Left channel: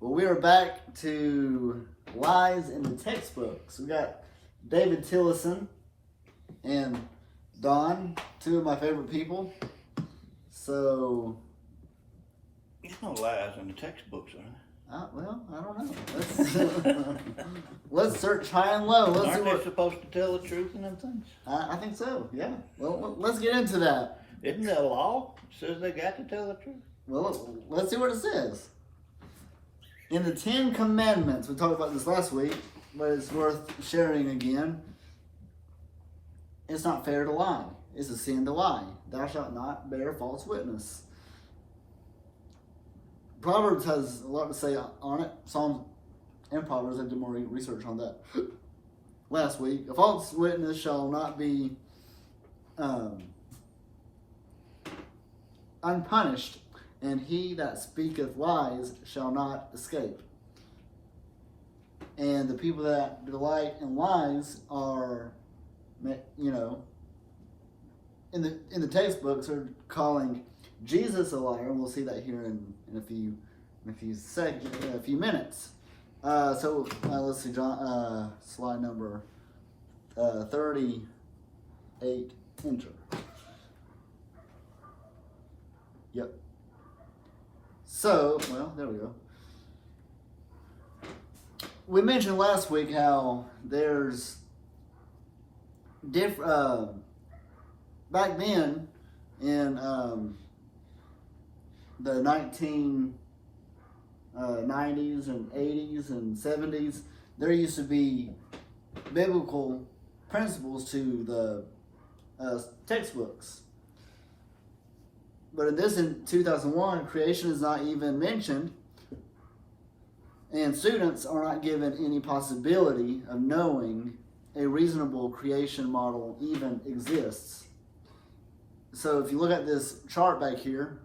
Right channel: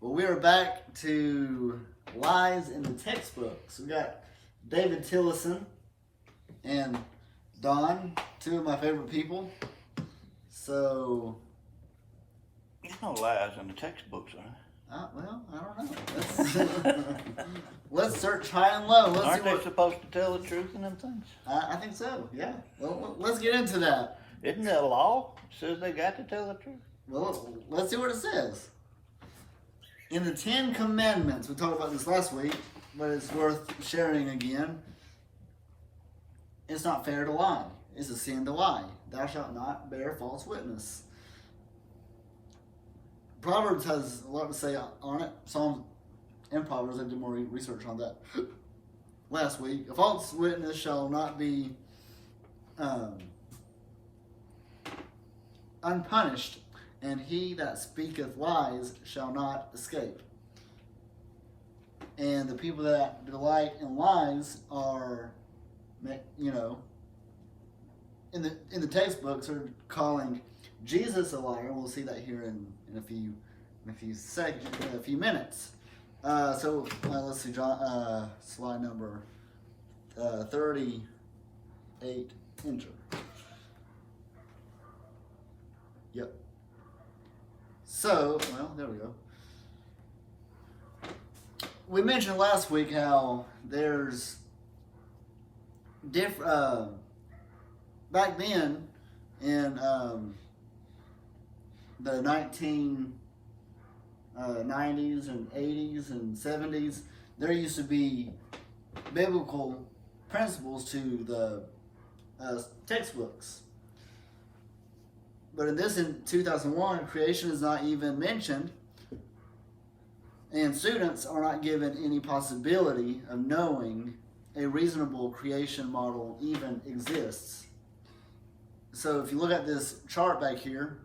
Well, we are back to lies in the textbooks. We got David Tillison and Don, two of my favorite people. So, There's no lies in the textbooks, are well, I don't know. Let's search high and low. Let's see Aren't they what. supposed to tell the truth in them things? I think so. Yeah. Well, let's get into that. Isn't that a law? It says they got to tell the truth. Well, let's see what it says. In the 10 Commandments, we talked about this last week, but it's worth sharing again. It's not fair to lie. It's a sin to lie. Thou shalt not bear false witness. Proverbs has a lot to say on it. Psalms and Proverbs, I did more research on that last week. A false witness shall not be unpunished, and he that speaketh lies shall not escape. And the people that delight in lies are, in the textbooks are calling Jesus a liar. We'll see that here in a few minutes. So let's see, John, slide number 38. Enter. Yep. So, well, there we go. We mentioned last week how there's back then in the 1990s and 80s and 70s, there used to be biblical principles to the textbooks. But in 2001, creation is not even mentioned, and students are not given any possibility of knowing a reasonable creation model even exists. So if you look at this chart back here,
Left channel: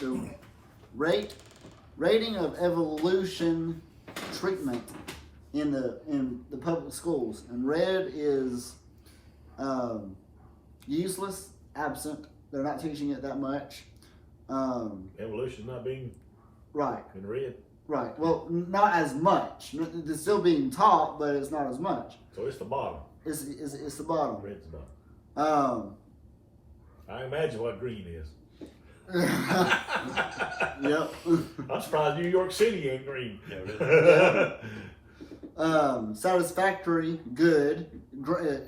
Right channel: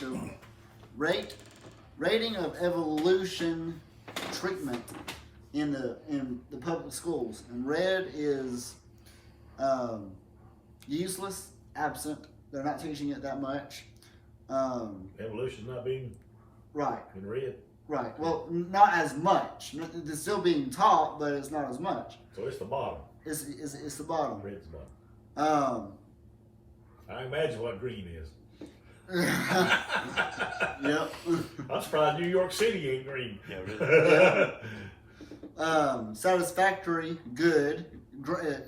the rating of evolution treatment in the public schools, and red is useless, absent. They're not teaching it that much. Evolution's not being Right. in red. Right. Well, not as much. It's still being taught, but it's not as much. So it's the bottom. It's the bottom. Red's not. I imagine what green is. Yep. I'm surprised New York City ain't green. Satisfactory, good,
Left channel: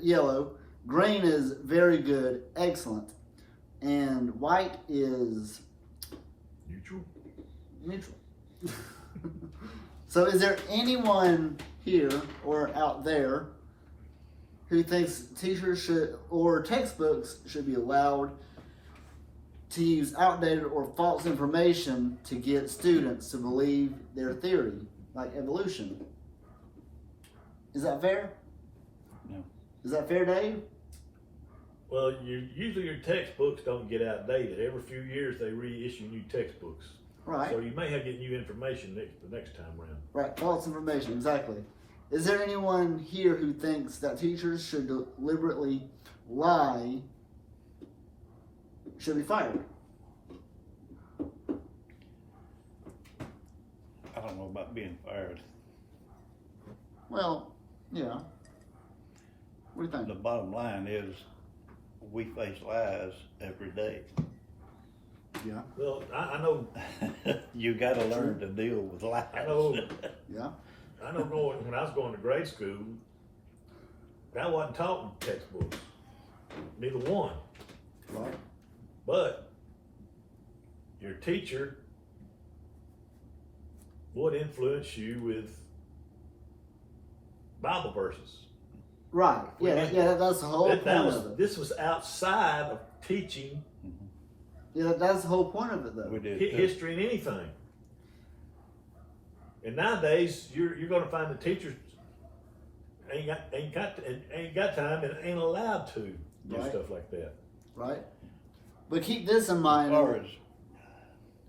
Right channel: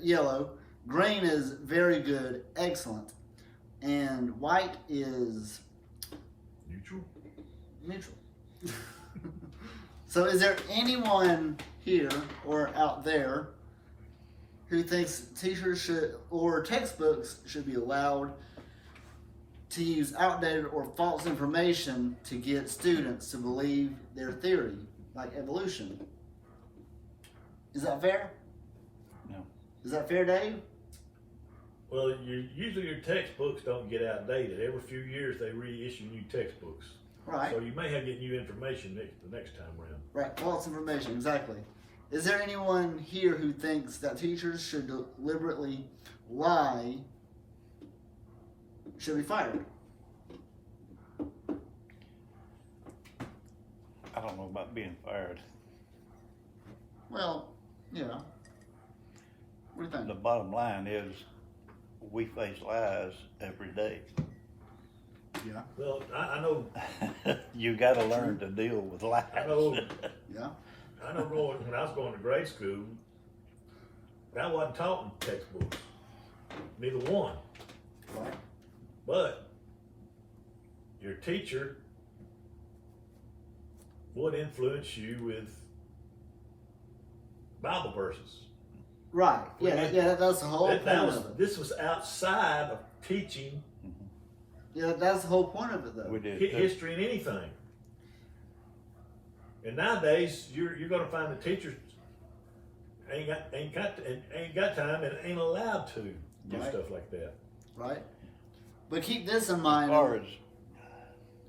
yellow. Green is very good, excellent. And white is neutral. So is there anyone here or out there who thinks teachers should or textbooks should be allowed to use outdated or false information to get students to believe their theory, like evolution? Is that fair? No. Is that fair, Dave? Well, usually your textbooks don't get outdated. Every few years they reissue new textbooks. Right. So you may have to get new information the next time around. Right, false information, exactly. Is there anyone here who thinks that teachers should deliberately lie, should be fired? I don't know about being fired. Well, yeah. What do you think? The bottom line is we face lies every day. Yeah. Well, I know. You got to learn to deal with lies. I know. Yeah. I know. When I was going to grade school, I wasn't taught in textbooks. Neither one. Right. But your teacher would influence you with Bible verses. Right. Yeah, that's the whole point of it. This was outside of teaching Yeah, that's the whole point of it, though. We did. history and anything. And nowadays, you're going to find the teachers ain't got time and ain't allowed to do Right. stuff like that. Right. But keep this in mind. As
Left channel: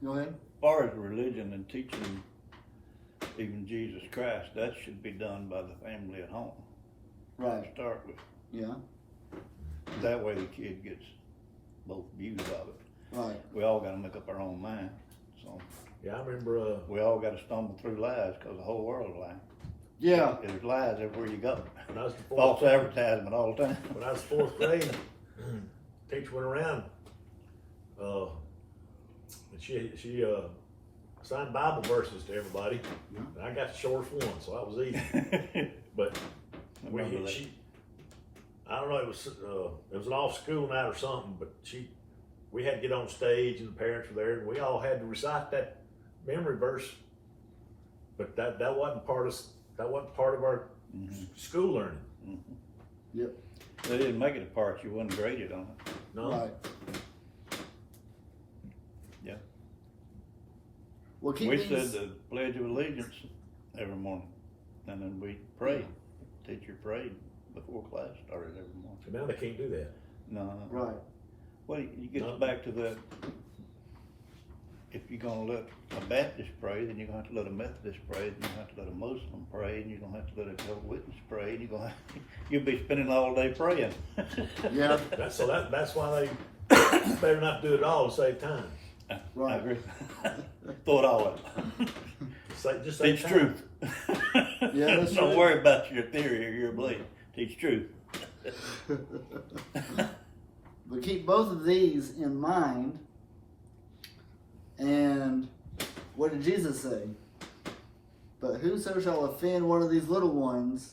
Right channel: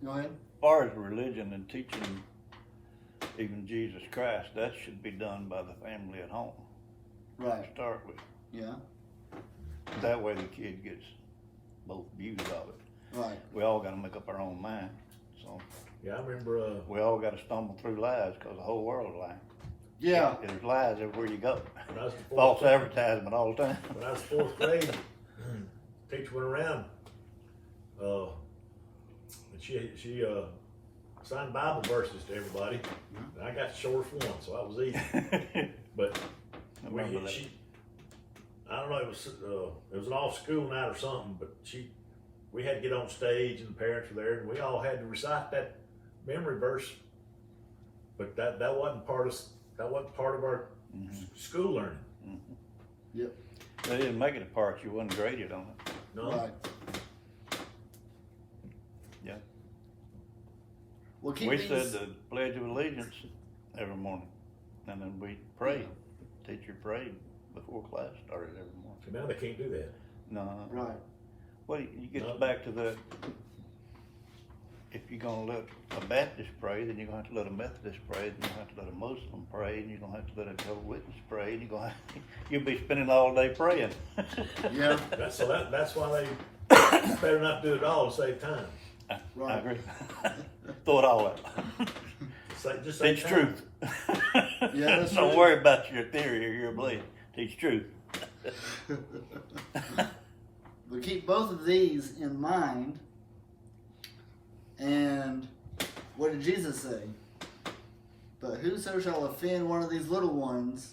Go ahead. far as religion and teaching even Jesus Christ, that should be done by the family at home. Right. To start with. Yeah. That way the kid gets both views of it. Right. We all got to make up our own mind. So So Yeah, I remember, we all got to stumble through lies because the whole world's lying. Yeah. There's lies everywhere you go. when I was the False advertisement all the time. when I was fourth grade, teacher went around, and she assigned Bible verses to everybody, and I got the shortest one, so that was easy. But I remember that. I don't know, it was an off school night or something, but we had to get on stage and the parents were there and we all had to recite that memory verse. But that wasn't part of our school learning. Yep. They didn't make it a part, you wasn't graded on it. No. Right. Yeah. Well, keep We these- said the Pledge of Allegiance every morning, and then we prayed. Teacher prayed before class started every morning. Now they can't do that. No. Right. Well, you get No. back to that. If you're gonna let a Baptist pray, then you're gonna have to let a Methodist pray, then you're gonna have to let a Muslim pray, and you're gonna have to let a Jehovah's Witness pray, and you'll be spending all day praying. Yeah. That's why they better not do it all to save time. I Right. agree. Throw it all out. Just save Teach time. truth. Yeah, that's Don't right. worry about your theory or your belief. Teach truth. But keep both of these in mind. And what did Jesus say? But whoso shall offend one of these little ones,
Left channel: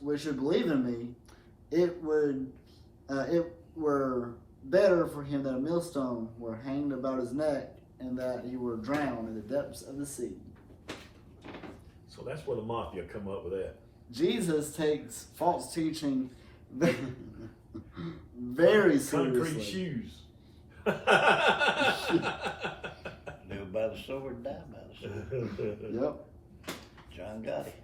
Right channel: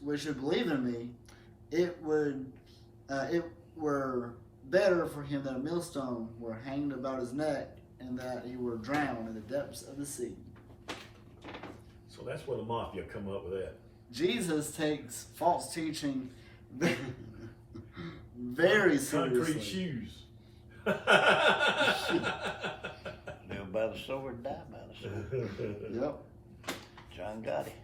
which should believe in me, it were better for him that a millstone were hanged about his neck, and that he were drowned in the depths of the sea. So that's where the mafia come up with that. Jesus takes false teaching very Concrete seriously. shoes. Live by the sword, die by the sword. Yep. John got it.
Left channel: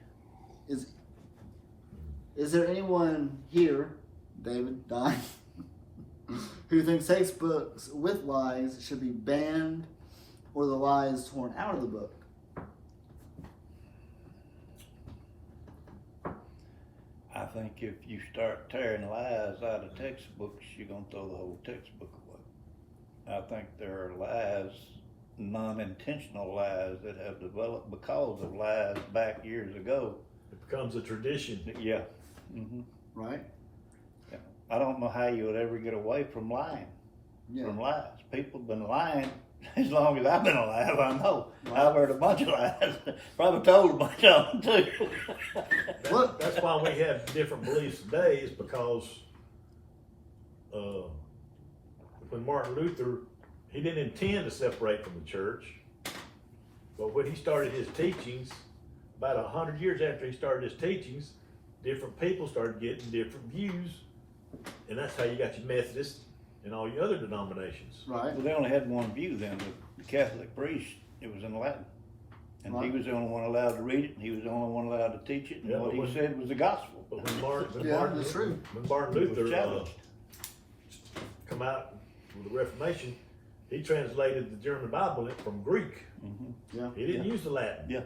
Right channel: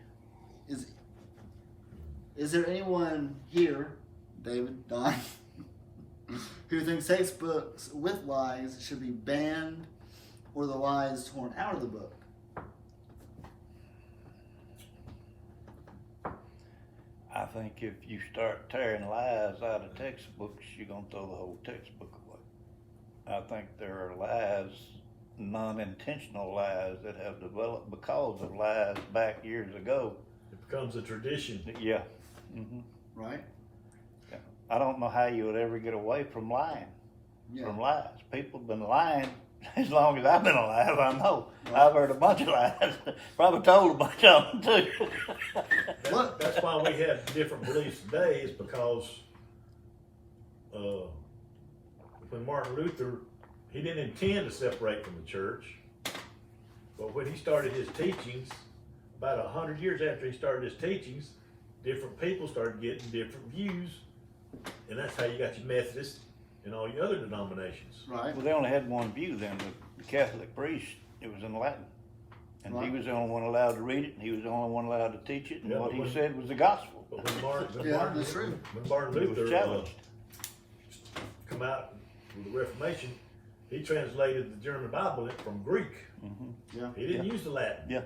Is there anyone here, David, Don, who thinks textbooks with lies should be banned or the lies torn out of the book? I think if you start tearing lies out of textbooks, you're gonna throw the whole textbook away. I think there are lies, non-intentional lies that have developed because of lies back years ago. It becomes a tradition. Yeah. Mm-hmm. Right? I don't know how you would ever get away from lying, Yeah. from lies. People have been lying as long as I've been alive, I know. Right. I've heard a bunch of lies. Probably told a bunch of them too. That's why we have different beliefs today, is because when Martin Luther, he didn't intend to separate from the church, but when he started his teachings, about 100 years after he started his teachings, different people started getting different views, and that's how you got your Methodists and all your other denominations. Right? Well, they only had one view then. The Catholic priest, it was in Latin. And Right. he was the only one allowed to read it, and he was the only one allowed to teach it, and Yeah, what but he when- said was the gospel. But when Martin, Yeah, that's true. When Martin It was Luther challenged. come out with the Reformation, he translated the German Bible from Greek. Mm-hmm. Yeah. He didn't use the Latin. Yeah.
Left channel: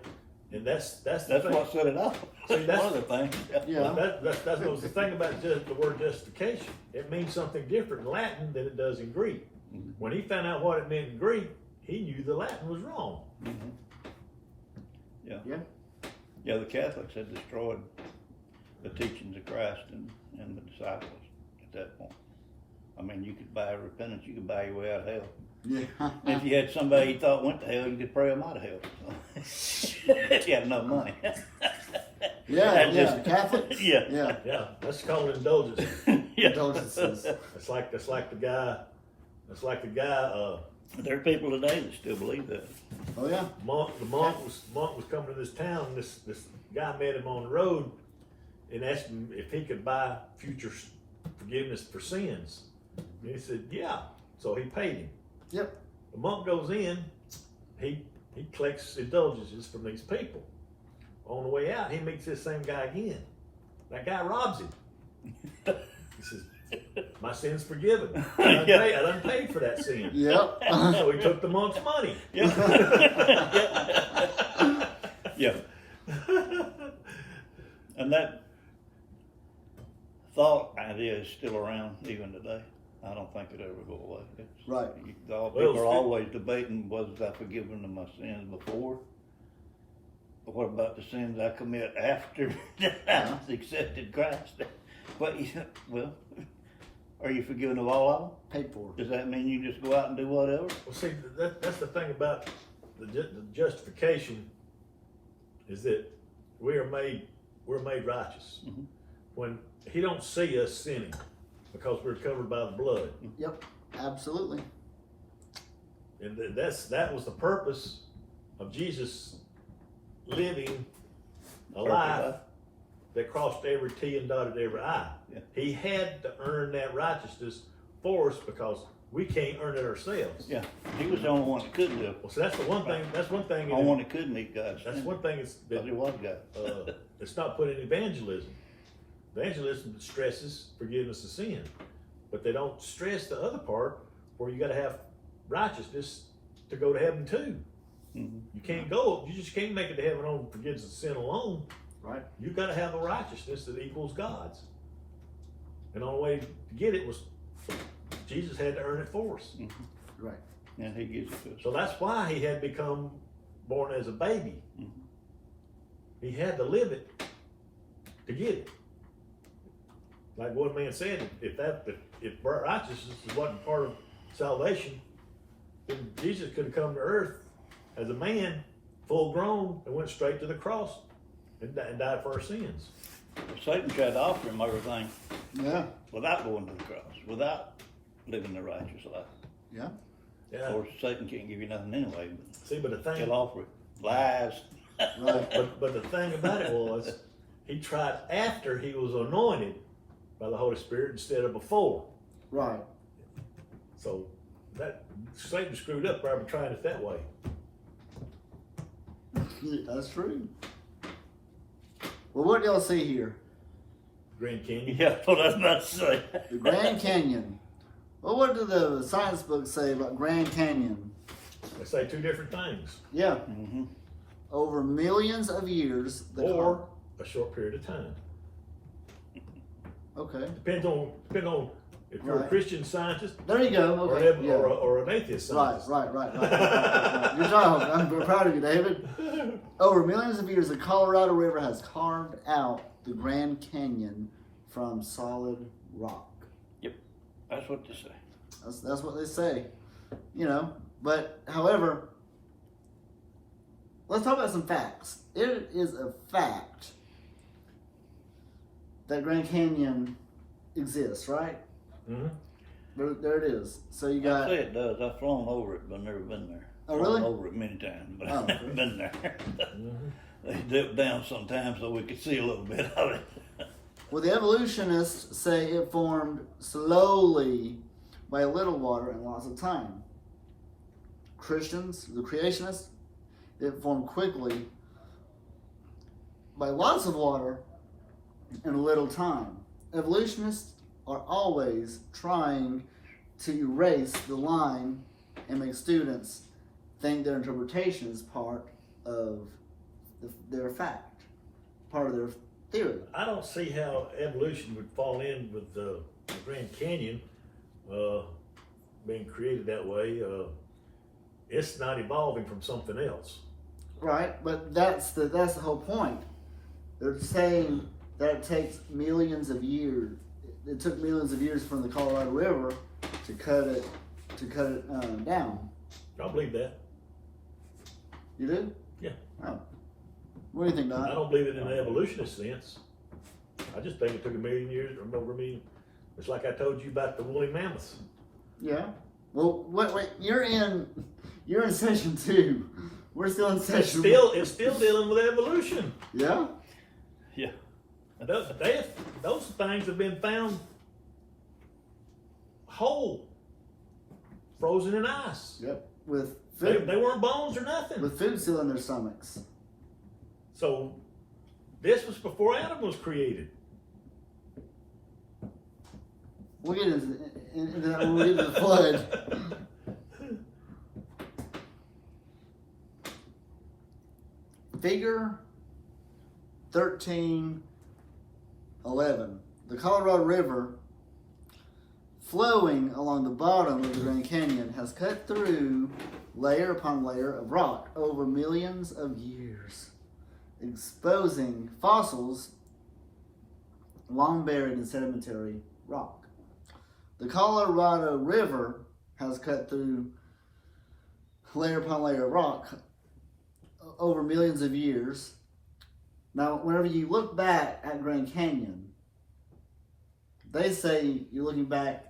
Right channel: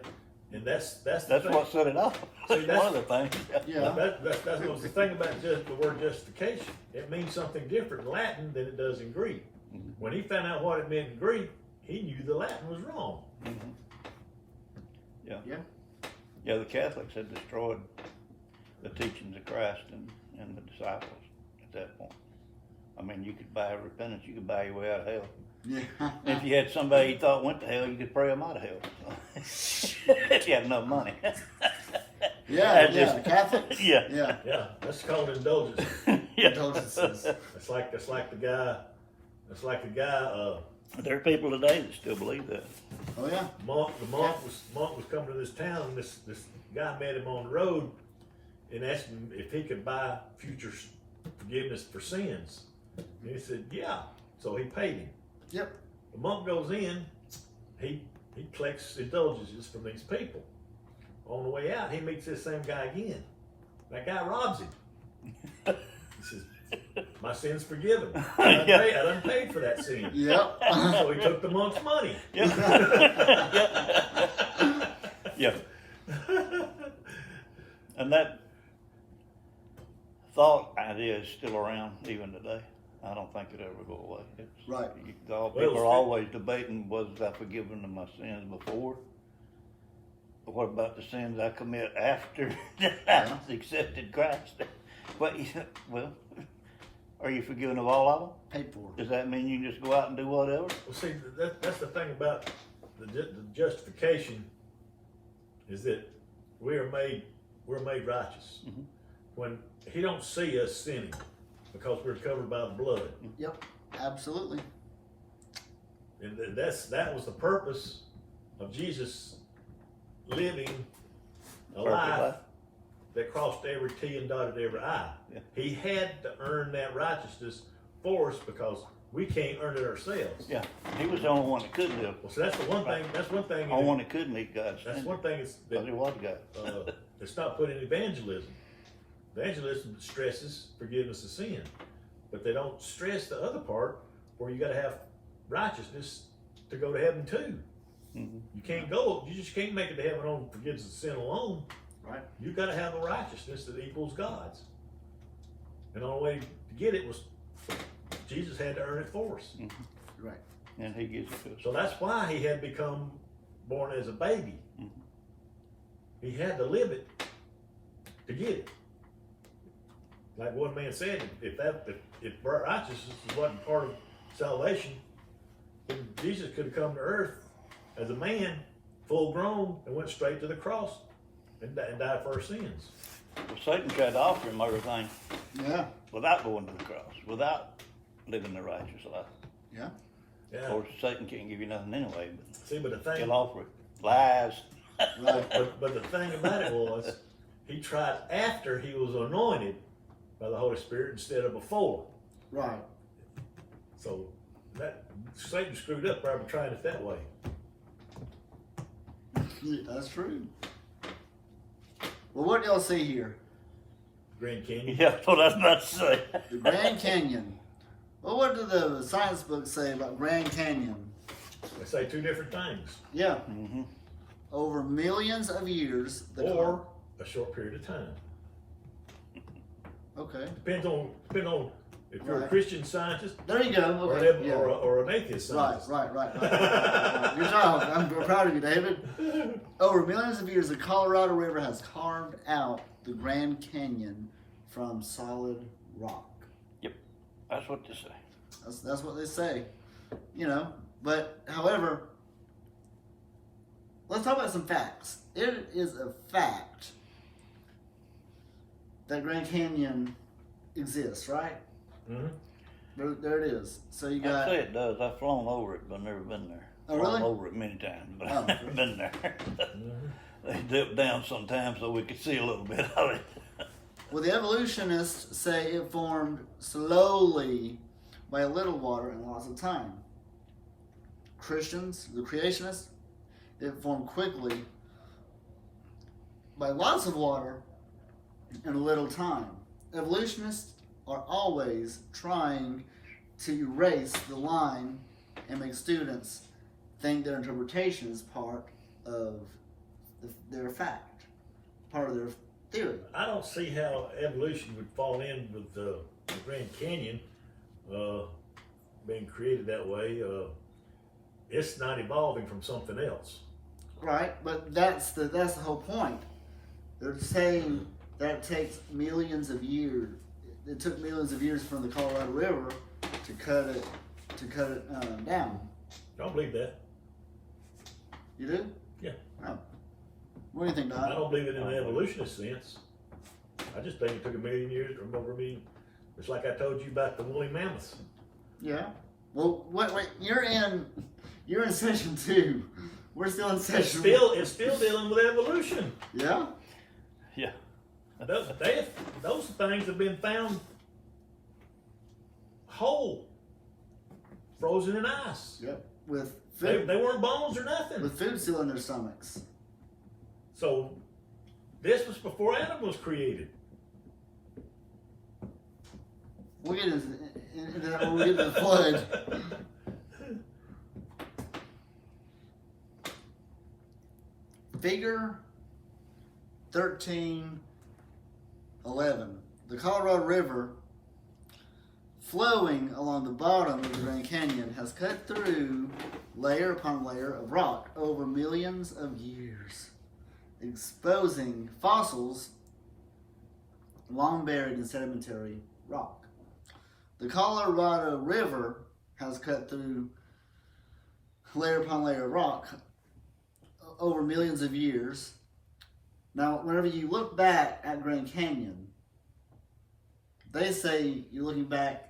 And that's the That's thing. what set it off. See, that's- one of the things. Yeah. That was the thing about just the word justification. It means something different in Latin than it does in Greek. Mhm. When he found out what it meant in Greek, he knew the Latin was wrong. Mhm. Yeah. Yeah. Yeah, the Catholics had destroyed the teachings of Christ and the disciples at that point. I mean, you could buy repentance, you could buy your way out of hell. Yeah. If you had somebody you thought went to hell, you could pray them out of hell. If you had enough money. Yeah, Just- yeah. Catholic? Yeah. Yeah. Yeah, that's called indulgence. Yeah. Indulgences. It's like the guy. There are people today that still believe that. Oh, yeah. The monk was coming to this town. And this guy met him on the road and asked him if he could buy future forgiveness for sins. And he said, yeah. So he paid him. Yep. The monk goes in. He collects indulgences from these people. On the way out, he meets this same guy again. That guy robs him. He says, my sin's forgiven. I done paid for that sin. Yep. So he took the monk's money. Yeah. And that thought idea is still around even today. I don't think it ever go away. Right. People are always debating, was I forgiven of my sins before? But what about the sins I commit after I accepted Christ? But, well, are you forgiven of all of them? Paid for. Does that mean you just go out and do whatever? Well, see, that's the thing about the justification, is that we're made righteous. Mhm. When he don't see us sinning, because we're covered by the blood. Yep, absolutely. And that was the purpose of Jesus living a life that crossed every T and dotted every I. Yeah. He had to earn that righteousness for us because we can't earn it ourselves. Yeah, he was the only one that could live. Well, so that's the one thing. That's one thing. The only one that could meet God's That's one thing because he was God. it's not put in evangelism. Evangelism stresses forgiveness of sin, but they don't stress the other part where you got to have righteousness to go to heaven too. Mm-hmm. You can't go. You just can't make it to heaven on forgiveness of sin alone. Right. You got to have a righteousness that equals God's. And the only way to get it was Jesus had to earn it for us. Right. And he gives it to us. So that's why he had become born as a baby. Mhm. He had to live it to get it. Like one man said, if righteousness wasn't part of salvation, then Jesus could have come to earth as a man, full grown, and went straight to the cross and died for our sins. Well, Satan tried to offer him everything Yeah. without going to the cross, without living the righteous life. Yeah. Of Yeah. course, Satan can't give you nothing anyway, but See, but the thing, he'll offer it. Lies. Right. but the thing about it was, he tried after he was anointed by the Holy Spirit instead of before. Right. So that Satan screwed up by trying it that way. That's true. Well, what do y'all see here? Grand Canyon. Yeah, that's what I was about to say. The Grand Canyon. Well, what do the science books say about Grand Canyon? They say two different things. Yeah. Mm-hmm. Over millions of years. Or a short period of time. Okay. Depends on if you're a Right. Christian scientist There you go. or, Okay. an, Yeah. or an atheist Right, scientist. right. You're right. I'm proud of you, David. Over millions of years, the Colorado River has carved out the Grand Canyon from solid rock. That's what they say. That's what they say. You know, but however, let's talk about some facts. It is a fact that Grand Canyon exists, right? Mm-hmm. There it is. So you I got. say it does. I've flown over it, but I've never been there. Oh, really? Flown over it many times, but Oh, I've never okay. been there. Mm-hmm. They dip down sometimes so we could see a little bit of it. Well, the evolutionists say it formed slowly by a little water and lots of time. Christians, the creationists, it formed quickly by lots of water and a little time. Evolutionists are always trying to erase the line and make students think their interpretation is part of their fact, part of their theory. I don't see how evolution would fall in with the Grand Canyon being created that way. It's not evolving from something else. Right, but that's the whole point. They're saying that it takes millions of years. It took millions of years from the Colorado River to cut it down. I don't believe that. You do? Yeah. Oh. What do you think, I Don? don't believe it in the evolutionist sense. I just think it took 1,000,000 years or over a million. It's like I told you about the woolly mammoths. Yeah. Well, wait. You're in session 2. We're still in session. It's still dealing with evolution. Yeah. Yeah. Those things have been found whole, frozen in ice. Yep. With They food, weren't bones or nothing. with food still in their stomachs. So this was before Adam was created. We'll get into that when we get to the flood. Figure 13:11. The Colorado River flowing along the bottom of the Grand Canyon has cut through layer upon layer of rock over millions of years, exposing fossils long buried in sedimentary rock. The Colorado River has cut through layer upon layer of rock over millions of years. Now, whenever you look back at Grand Canyon, they say you're looking back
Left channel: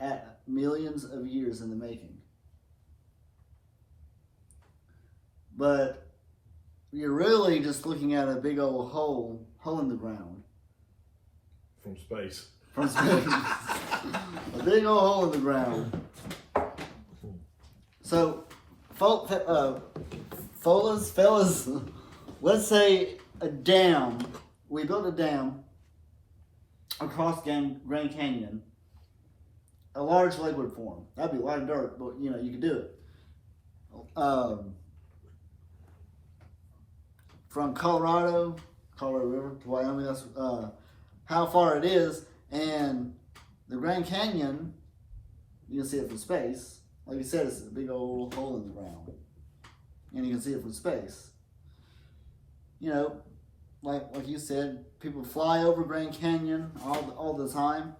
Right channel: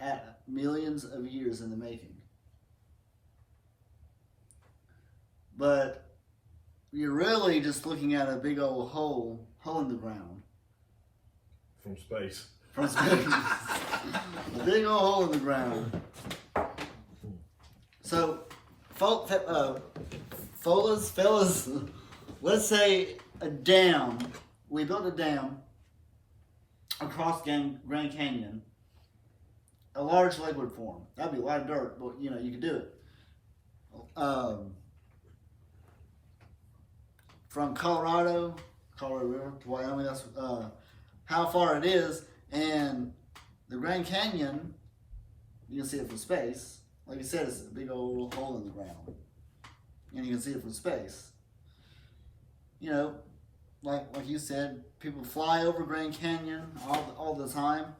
at millions of years in the making. But you're really just looking at a big old hole in the ground. From space. From space. A big old hole in the ground. So, fellas, let's say a dam. We built a dam across Grand Canyon. A large lake would form. That'd be a lot of dirt, but you could do it. From Colorado River to Wyoming, that's how far it is. And the Grand Canyon, you can see it from space. Like you said, it's a big old hole in the ground. And you can see it from space. Like you said, people fly over Grand Canyon all the time.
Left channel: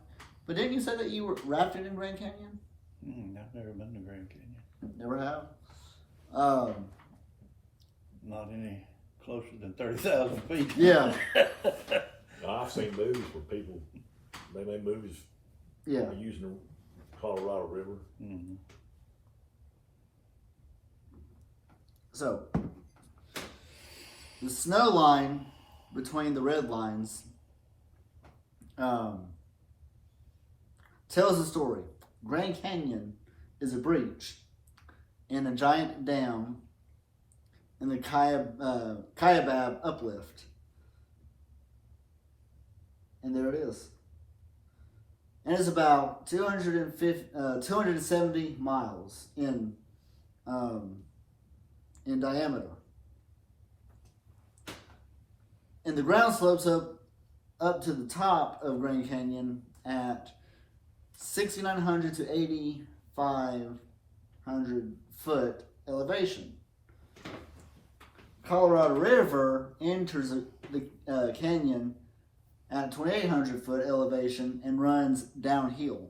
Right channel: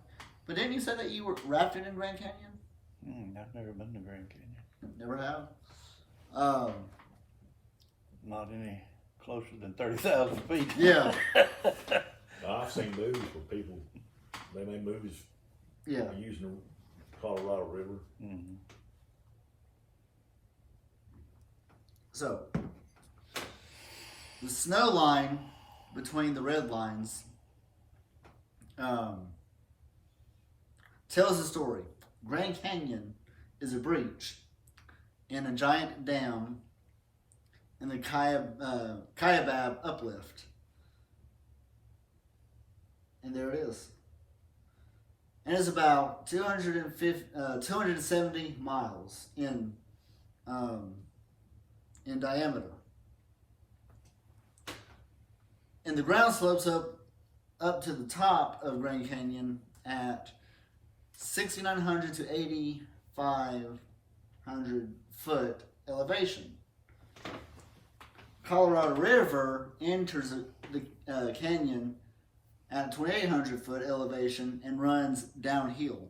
But didn't you say that you were rafted in Grand Canyon? I've never been to Grand Canyon. Never have? Not any closer than 30,000 feet. Yeah. I've seen movies where people, they made movies using the Colorado River. Mm-hmm. So, the snow line between the red lines tells the story. Grand Canyon is a breach in a giant dam in the Kaibab uplift. And there it is. And it's about 270 miles in diameter. And the ground slopes up to the top of Grand Canyon at 6,900 to 8,500 foot elevation. Colorado River enters the canyon at 2,800 foot elevation and runs downhill.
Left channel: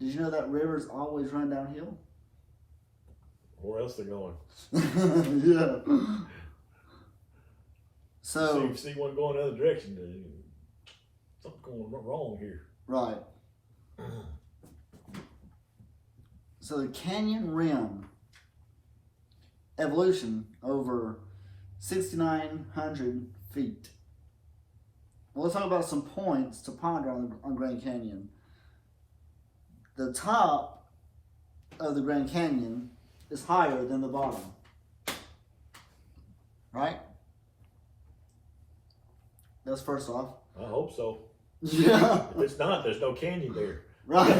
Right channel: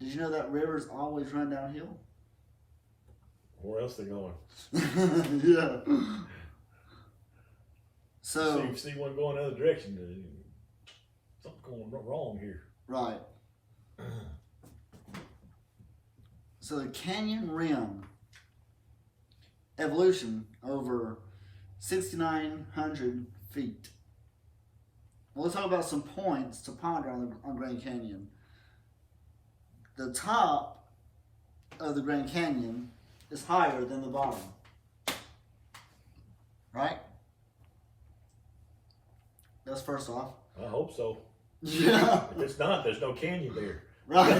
Did you know that rivers always run downhill? Where else they going? Yeah. So you see one going the other direction. Something's going wrong here. Right. So the canyon rim evolution over 6,900 feet. Well, let's talk about some points to ponder on Grand Canyon. The top of the Grand Canyon is higher than the bottom. Right? That's first off. I hope so. Yeah. If it's not, there's no canyon there. Right.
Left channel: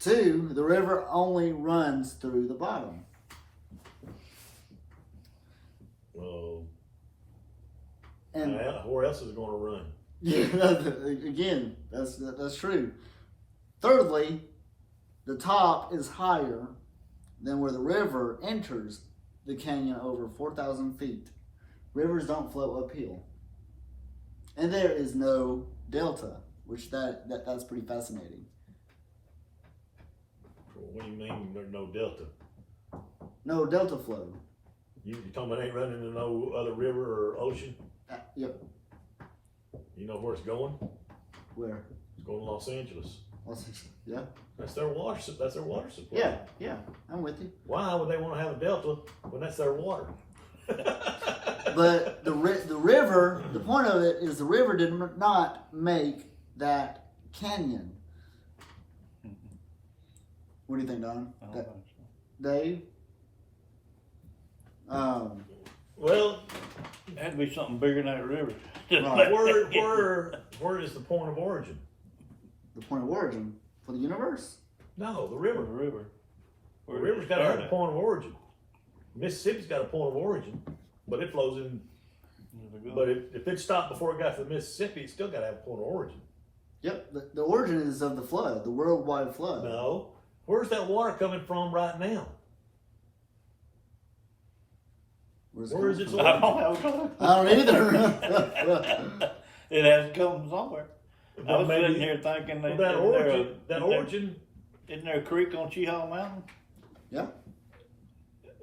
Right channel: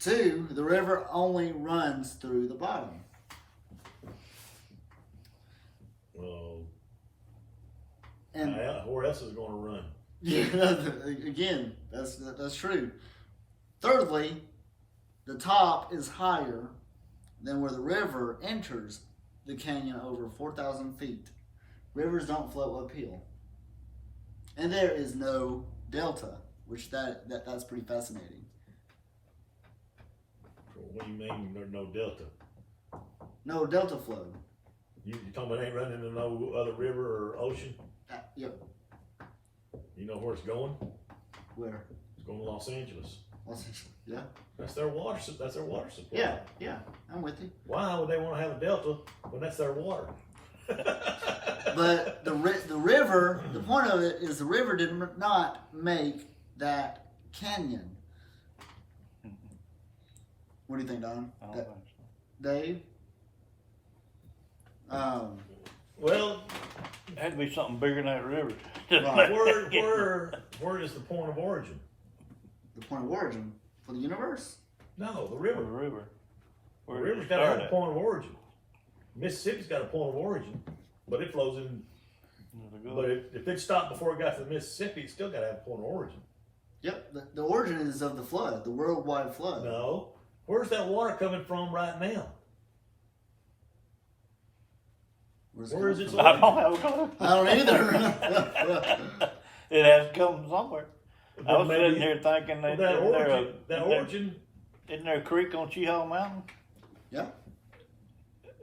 2, the river only runs through the bottom. And where else is it going to run? Yeah, again, that's true. Thirdly, the top is higher than where the river enters the canyon over 4,000 feet. Rivers don't flow uphill. And there is no delta, which that's pretty fascinating. What do you mean there's no delta? No delta flow. You talking about ain't running into no other river or ocean? Yep. You know where it's going? Where? It's going to Los Angeles. Yeah. That's their water supply. Yeah, I'm with you. Why would they want to have a delta when that's their water? But the river, the point of it is the river did not make that canyon. What do you think, Don? I don't think so. Dave? Well, There had to be something bigger than that river. Right. where is the point of origin? The point of origin for the universe? No, the river. The river. The river's got to have a point of origin. Mississippi's got a point of origin, but it flows in But if it stopped before it got to the Mississippi, it still got to have a point of origin. Yep, the origin is of the flood, the worldwide flood. No. Where's that water coming from right now? Where is it? I don't have a clue. I don't either. It has to come from somewhere. I was Maybe- sitting here thinking Well, that origin, isn't there a creek on Cheehaw Mountain? Yeah.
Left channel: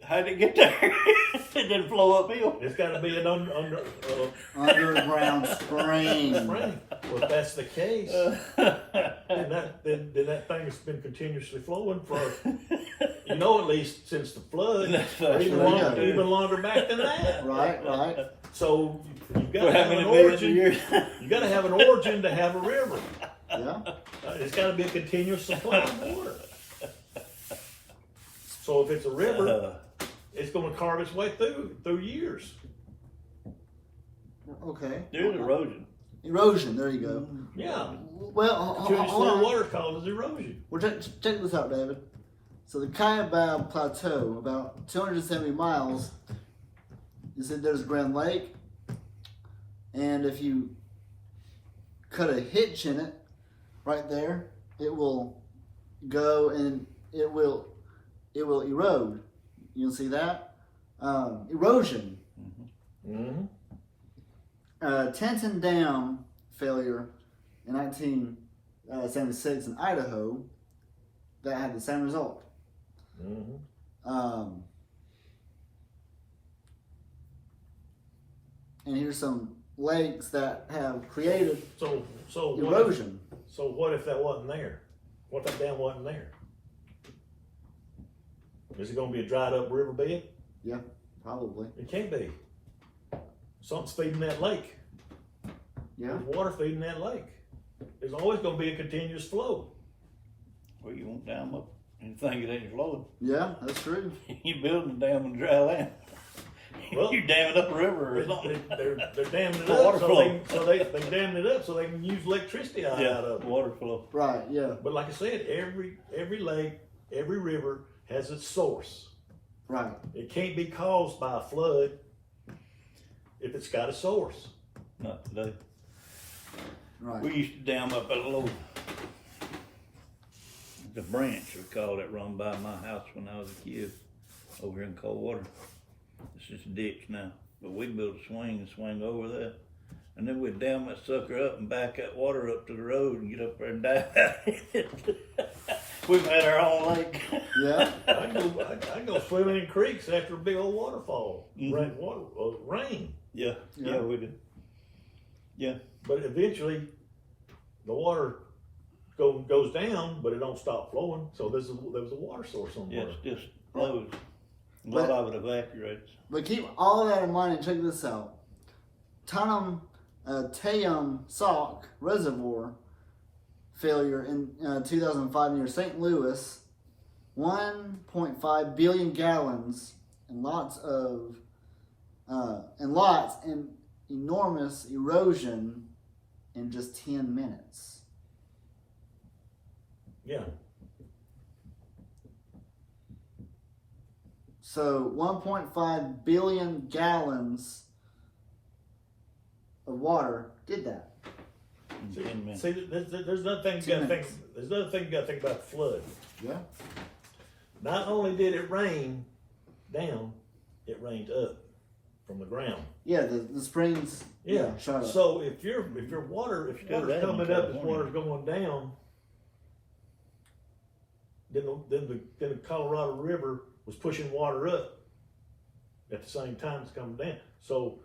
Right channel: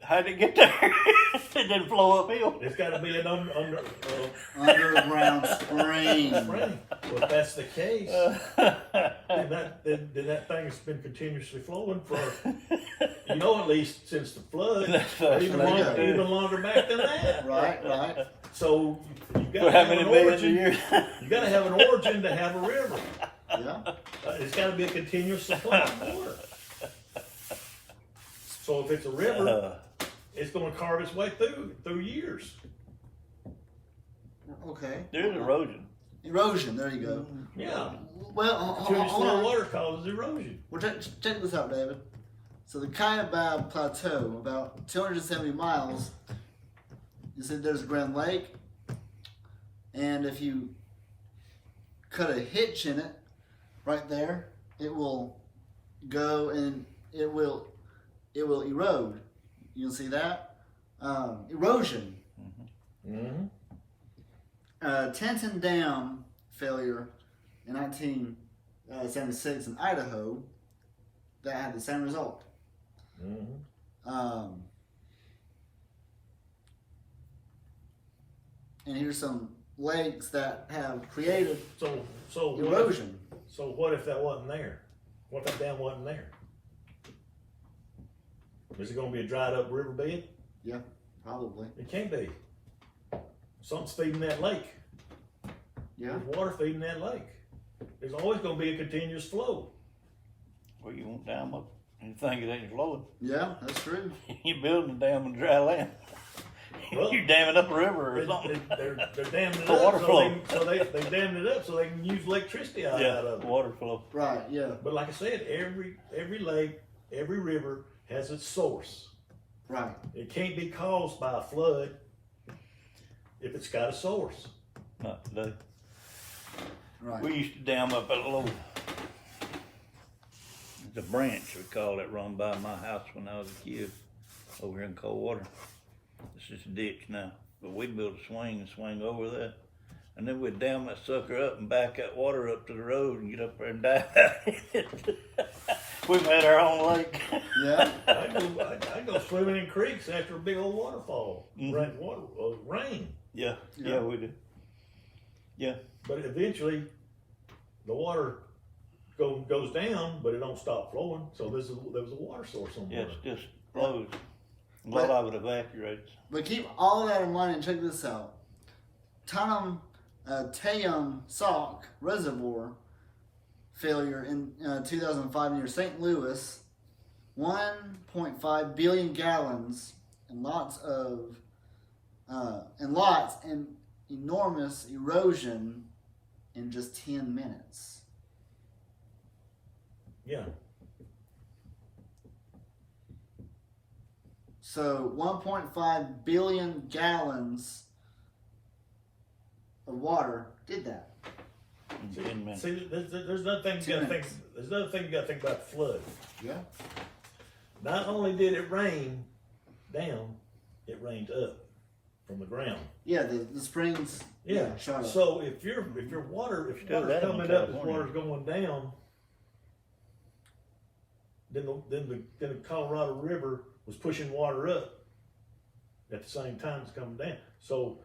How did it get there? It didn't flow uphill. it's got to be an Underground spring. spring. Well, if that's the case, then that thing's been continuously flowing for, at least since the flood, or even longer back than that. Right. So you've got For to how have many an millions of origin. years? You got to have an origin to have a river. Yeah. It's got to be a continuous supply of water. So if it's a river, it's going to carve its way through years. Okay. There's erosion. Erosion. There you go. Yeah. Well, hold Continuous on. water causes erosion. Well, check this out, David. So the Kaibab Plateau, about 270 miles, you said there's Grand Lake, and if you cut a hitch in it, right there, it will go and it will erode. You can see that? Erosion. Mm-hmm. Tenton Dam failure in 1976 in Idaho, that had the same result. Mm-hmm. And here's some lakes that have created So erosion. What if that wasn't there? What if that dam wasn't there? Is it going to be a dried up riverbed? Yeah, probably. It can't be. Something's feeding that lake. Yeah. There's water feeding that lake. There's always going to be a continuous flow. Well, you won't dam up and think it ain't flowing. Yeah, that's true. You building a dam on dry land. Well, You damming up a river or something. They're damming it For up water flow. so they dammed it up so they can use electricity out of it. water flow. Right, yeah, But like I said, every lake, every river has its source. right. It can't be caused by a flood if it's got a source. Not today. Right. We used to dam up a little, the branch, we call it, run by my house when I was a kid, over in Coldwater. It's just a ditch now, but we'd build a swing and swing over there. And then we'd dam that sucker up and back that water up to the road and get up there and dive. We've had our own lake. Yeah. I go swimming in creeks after a big old waterfall. Mhm. Rain. Yeah, Yeah. we did. Yeah. But eventually, the water goes down, but it don't stop flowing. So there was a water source on Yeah, there. it's just flows. A lot of it evaporates. But keep all of that in mind and check this out. Tanum Tayum Sauk Reservoir failure in 2005 near St. Louis, 1.5 billion gallons and lots and enormous erosion in just 10 minutes. Yeah. So 1.5 billion gallons of water did that. In 10 minutes. See, there's another thing you gotta think. There's another thing you gotta think about the flood. Yeah. Not only did it rain down, it rained up from the ground. Yeah, the springs. Yeah. Shut up. So if your water's coming up and water's going down, then the Colorado River was pushing water up at the same time it's coming down. So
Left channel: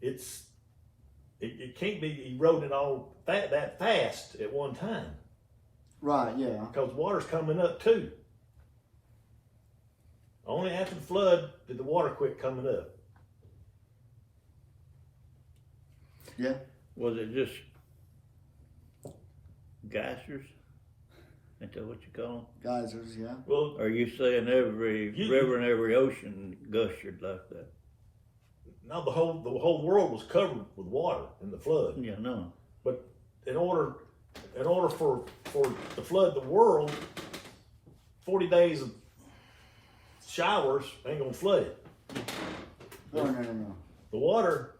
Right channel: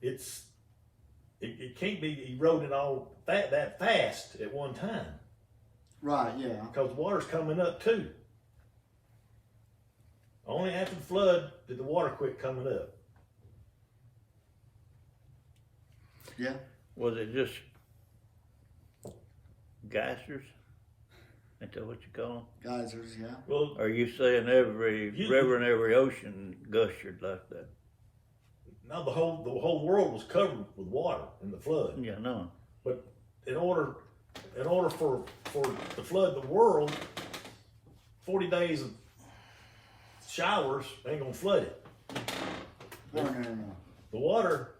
it can't be eroding all that fast at one time Right, yeah. because water's coming up too. Only after the flood did the water quit coming up. Yeah. Was it just geysers? Ain't that what you call them? Geysers, yeah. Well, Are you saying every river and every ocean gushed like that? now the whole world was covered with water in the flood. Yeah, no. But in order for to flood the world, 40 days of showers ain't gonna flood it. No. The water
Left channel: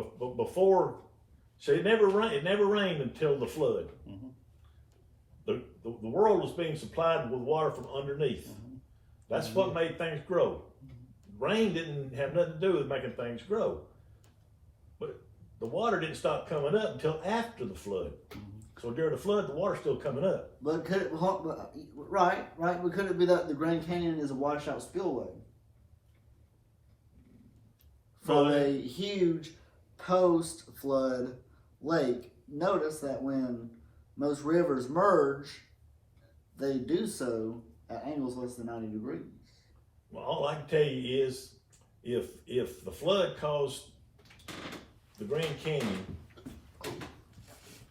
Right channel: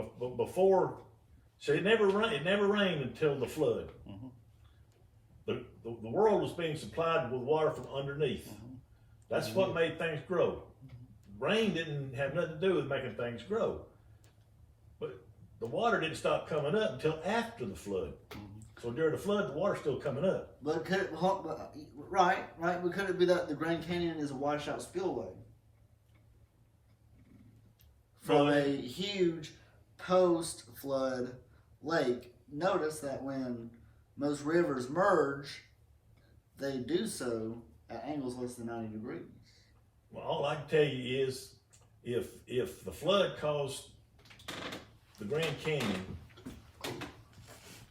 before, so it never rained until the flood. Mhm. The world was being supplied with water from underneath. That's what made things grow. Rain didn't have nothing to do with making things grow. But the water didn't stop coming up until after the flood. So during the flood, the water's still coming up. But could it, right, but could it be that the Grand Canyon is a washout spillway from a huge post-flood lake? Notice that when most rivers merge, they do so at angles less than 90 degrees. Well, all I can tell you is, if the flood caused the Grand Canyon,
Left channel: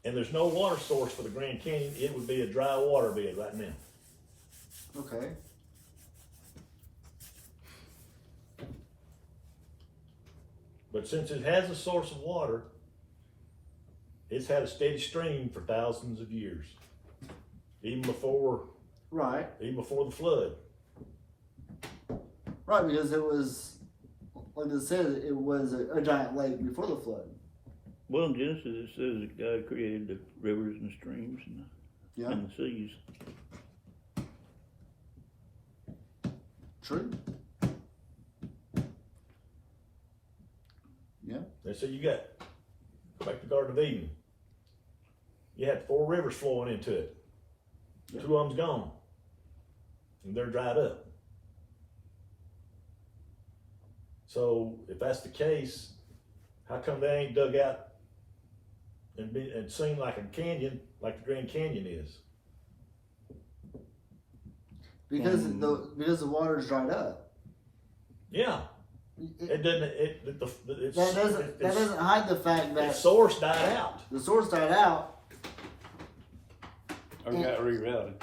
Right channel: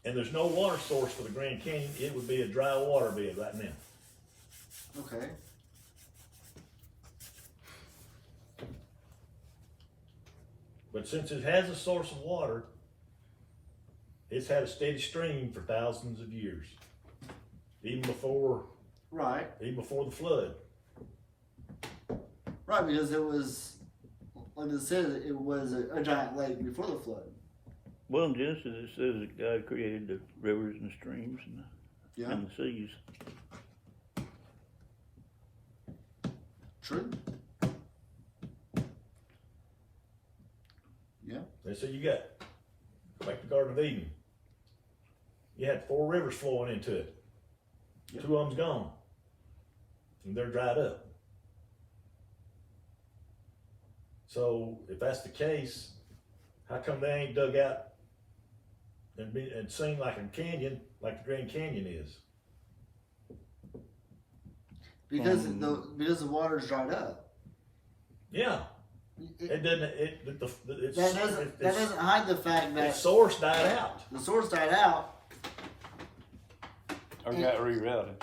and there's no water source for the Grand Canyon, it would be a dry water bed right now. Okay. But since it has a source of water, it's had a steady stream for thousands of years, even before the flood. Right, because it was, like it said, it was a giant lake before the flood. Well, in Genesis it says that God created the rivers and streams and the seas. True. Yeah. And so you got, like the Garden of Eden, you had 4 rivers flowing into it. Yep. 2 of them's gone, and they're dried up. So if that's the case, how come they ain't dug out and seen like a canyon, like the Grand Canyon is? Because the water's dried up. Yeah. It doesn't. That doesn't hide the fact The that source died out. the source died out Or got rerouted.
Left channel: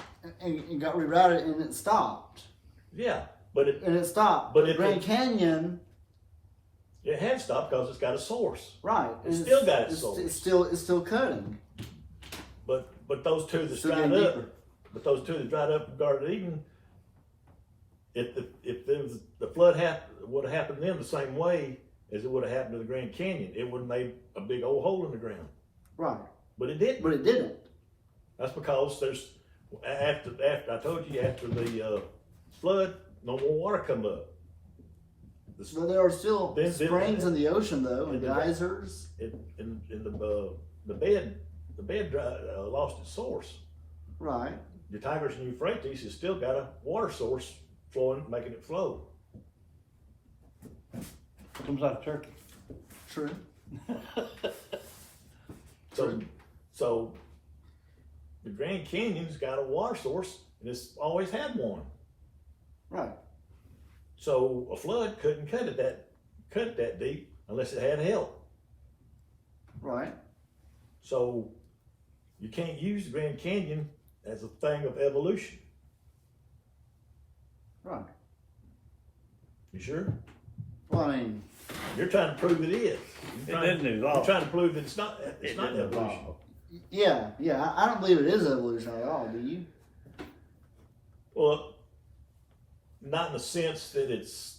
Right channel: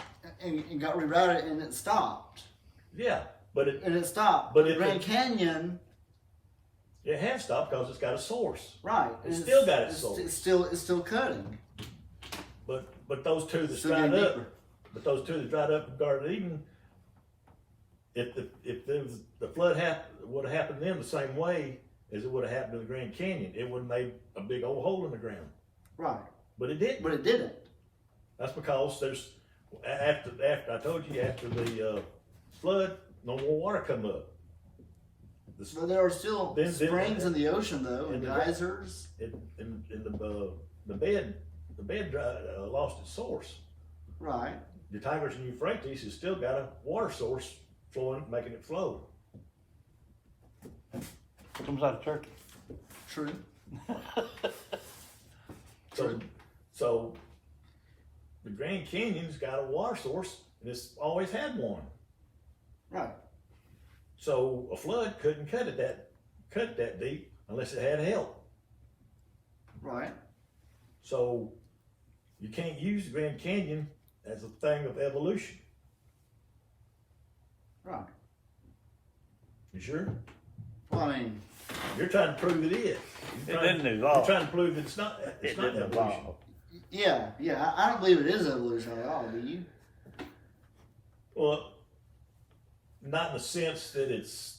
and got rerouted and it stopped. Yeah, but it stopped. But the Grand Canyon, it had stopped because it's got a source. right? It's still got its source. It's still cutting. But those two that Still dried getting up, deeper. but those two that dried up in Garden of Eden, if the flood would have happened to them the same way as it would have happened to the Grand Canyon, it would have made a big old hole in the ground. Right. But it didn't. But it didn't. That's because there's after I told you after the flood, no more water come up. But there are still Then- springs in the ocean though, and the- geysers. The bed lost its source. Right. The Tigris and Euphrates has still got a water source flowing, making it flow. Comes out of Turkey. True. So the Grand Canyon's got a water source, and it's always had one. Right. So a flood couldn't cut it that deep unless it had help. Right. So you can't use the Grand Canyon as a thing of evolution. Right. You sure? Well, I mean, You're trying to prove it is. It You're didn't evolve. trying to prove that it's not It evolution. didn't evolve. yeah. I don't believe it is evolution at all. Do you? Well, not in the sense that it's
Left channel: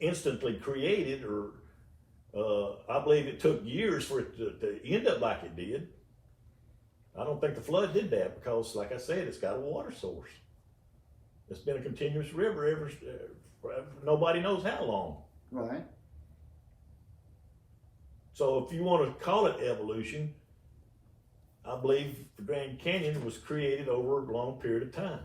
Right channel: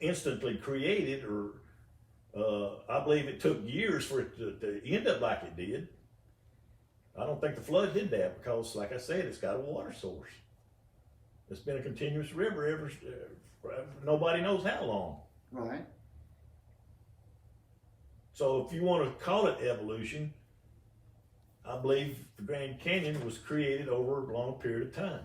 instantly created, or I believe it took years for it to end up like it did. I don't think the flood did that because, like I said, it's got a water source. It's been a continuous river ever nobody knows how long. Right. So if you want to call it evolution, I believe the Grand Canyon was created over a long period of time.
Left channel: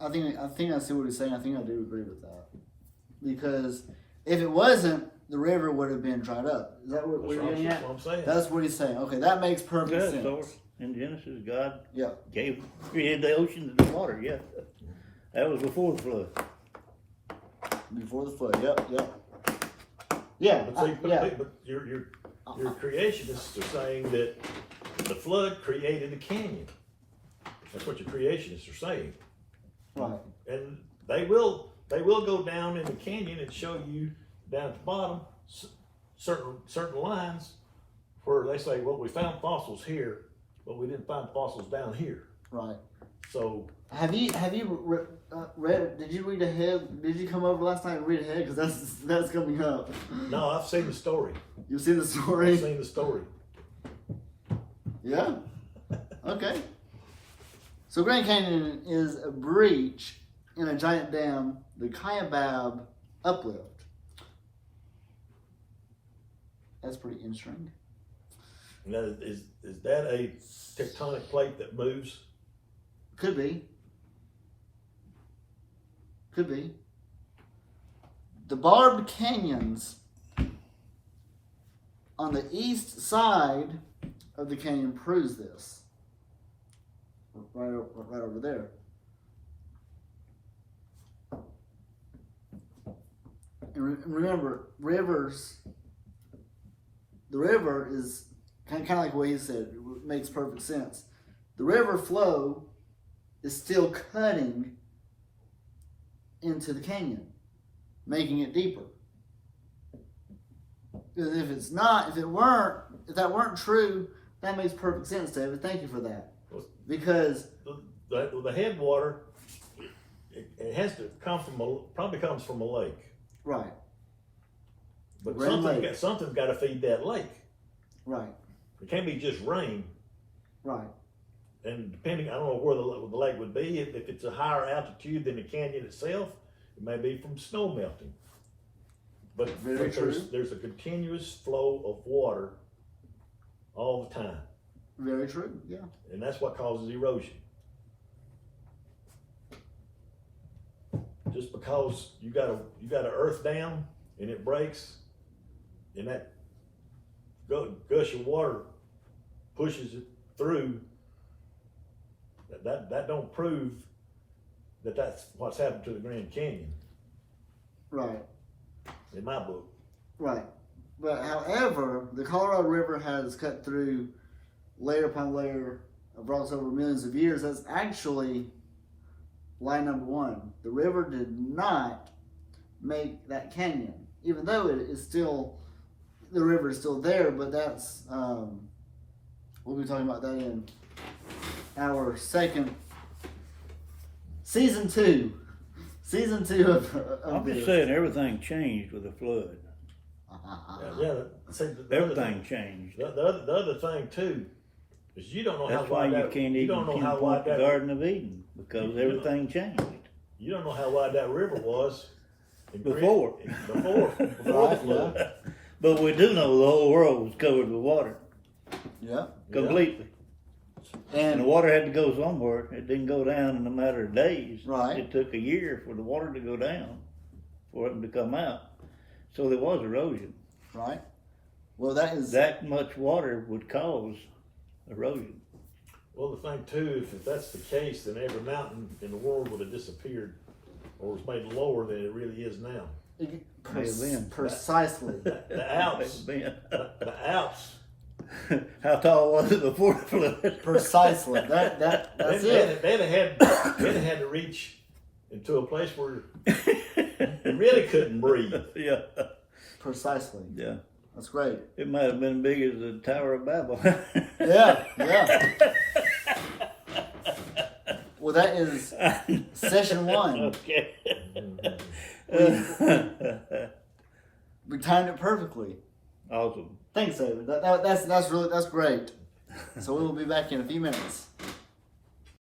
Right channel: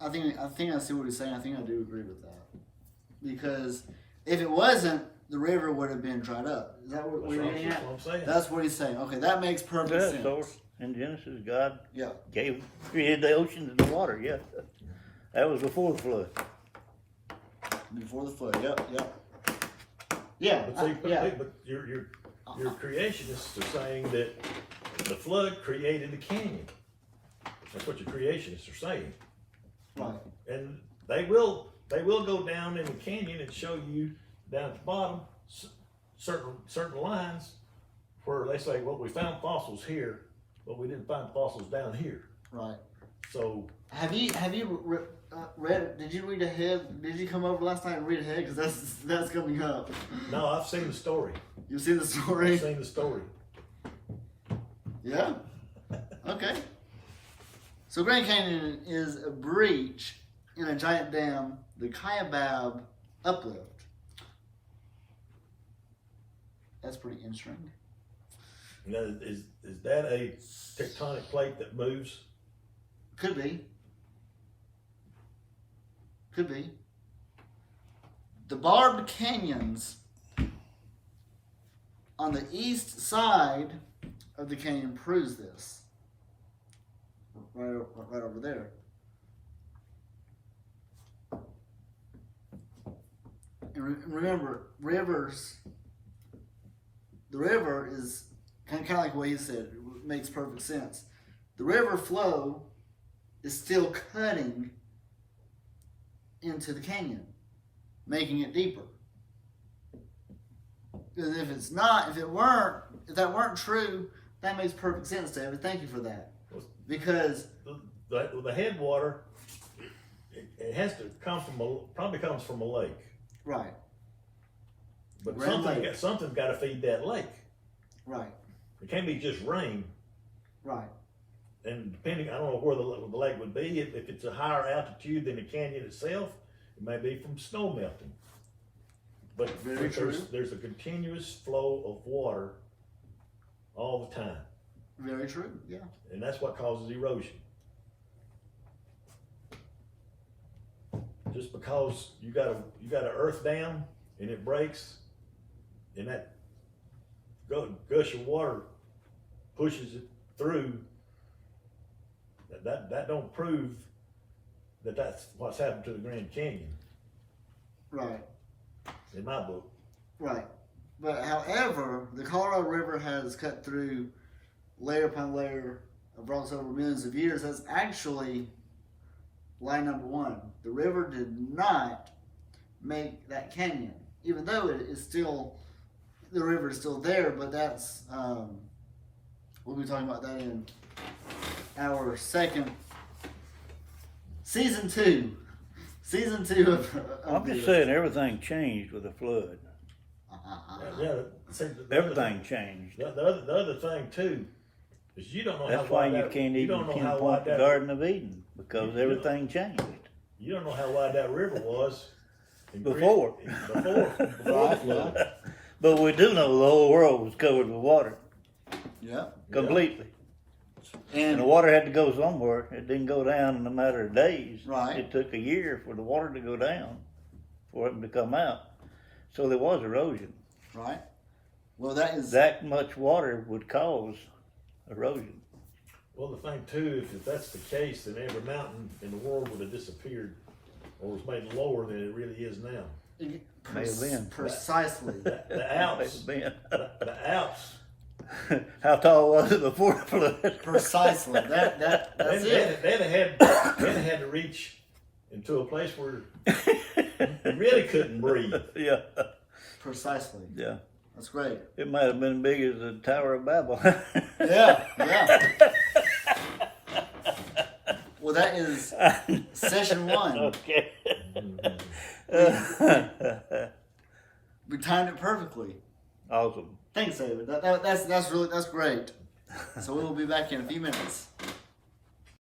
I think I see what he's saying. I think I do agree with that. Because if it wasn't, the river would have been dried up. Is that what you're getting at? That's what I'm saying. That's what he's saying. Okay, that makes perfect sense. So in Genesis, God Yeah. created the oceans and the water. Yeah, that was before the flood. Before the flood. Yep. Yeah. But your creationists are saying that the flood created the canyon. That's what your creationists are saying. Right. And they will go down in the canyon and show you down at the bottom certain lines where they say, well, we found fossils here, but we didn't find fossils down here. Right. So Have you read? Did you read ahead? Did you come over last night and read ahead? Because that's coming up. no, I've seen the story. You see the story? I've seen the story. Yeah. Okay. So Grand Canyon is a breach in a giant dam, the Kaibab uplift. That's pretty interesting. Now, is that a tectonic plate that moves? Could be. Could be. The barbed canyons on the east side of the canyon proves this. Right over there. And remember, rivers. The river is kind of like what he said. It makes perfect sense. The river flow is still cutting into the canyon, making it deeper. Because if that weren't true, that makes perfect sense, David. Thank you for that. Because the headwater, it has to come from probably comes from a lake. Right. But Lake. something's got to feed that lake. Right. It can't be just rain. Right. And depending, I don't know where the lake would be. If it's a higher altitude than the canyon itself, it may be from snow melting. But Very true. There's a continuous flow of water all the time. Very true. Yeah. And that's what causes erosion. Just because you got an earth dam and it breaks, and that gush of water pushes it through, that don't prove that that's what's happened to the Grand Canyon. Right. In my book. Right. But however, the Colorado River has cut through layer upon layer of rocks over millions of years. That's actually lie number one. The river did not make that canyon, even though it is still, the river is still there. But that's we'll be talking about that in our second season two of I'm this. just saying everything changed with the flood. Yeah. See, Everything changed. The other thing too is you don't know That's how why wide you that, can't you even don't know how pinpoint wide the that, Garden of Eden, because You- everything changed You don't know how wide that river was before. Before Right, the flood. But we do know the whole world was covered with water, Yeah. completely. And the water had to go somewhere. It didn't go down in a matter of days. Right. It took a year for the water to go down, for it to come out. So there was erosion. Right. Well, that is That much water would cause erosion. Well, the thing too is if that's the case, then every mountain in the world would have disappeared or was made lower than it really is now. May have been. Precisely. The Alps, Man. the Alps. How tall was it before the flood? Precisely. That's it. They had to reach into a place where you really couldn't breathe. Yeah. Precisely. Yeah. That's great. It might have been big as the Tower of Babel. Yeah. Well, that is session one. Okay. We timed it perfectly. Awesome. Thanks, David. That's great. So we will be back in a few minutes.